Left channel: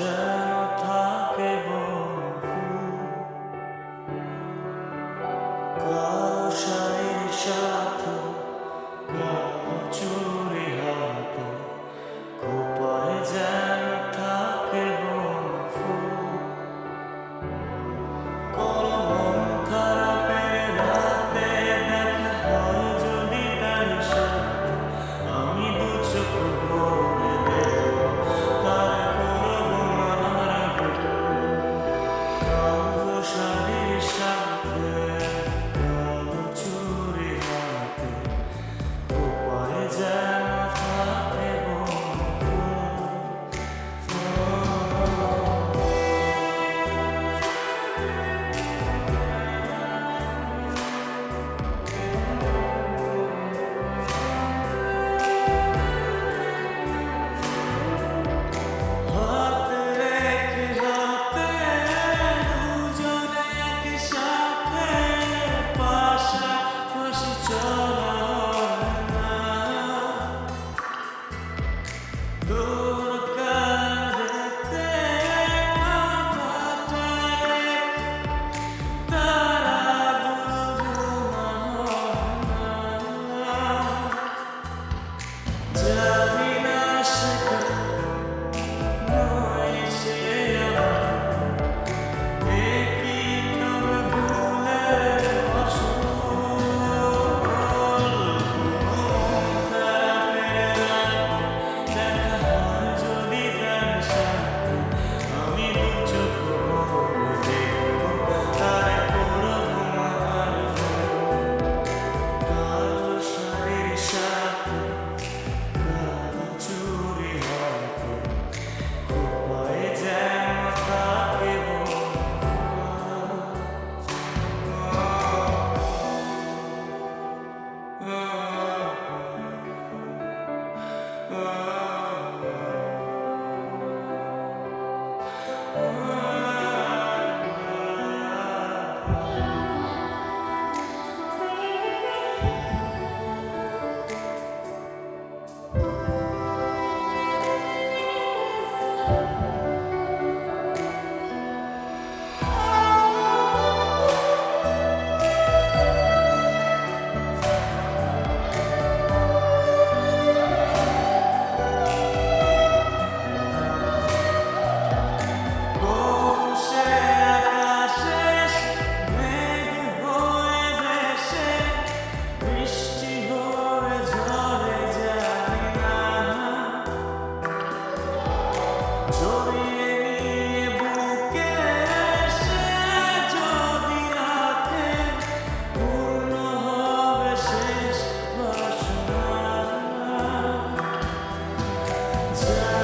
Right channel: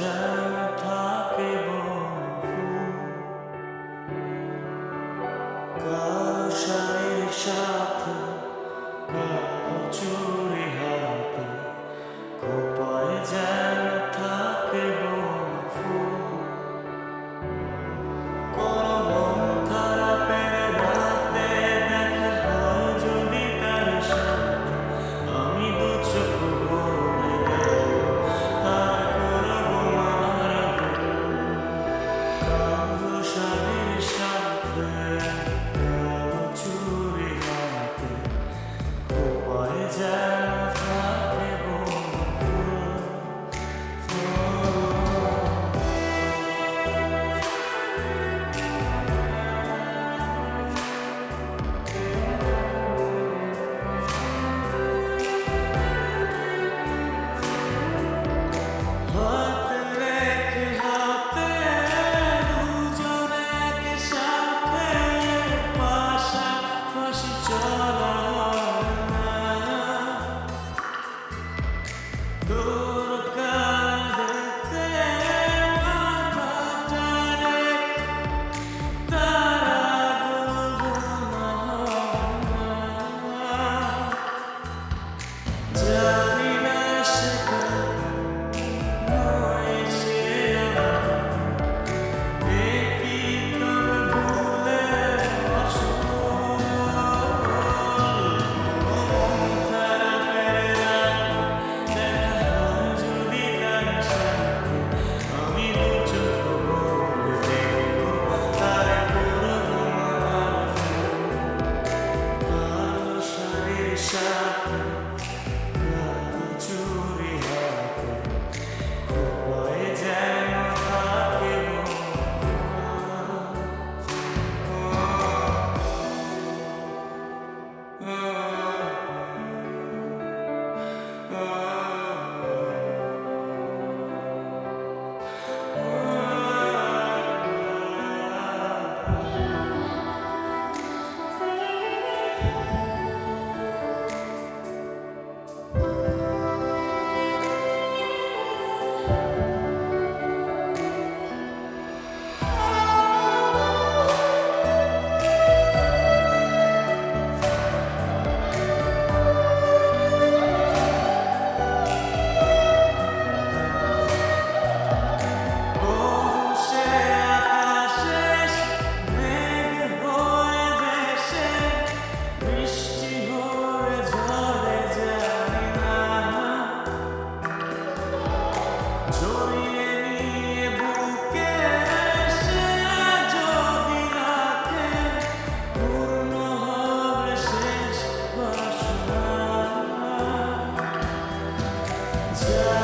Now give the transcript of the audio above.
done. Jana. জানি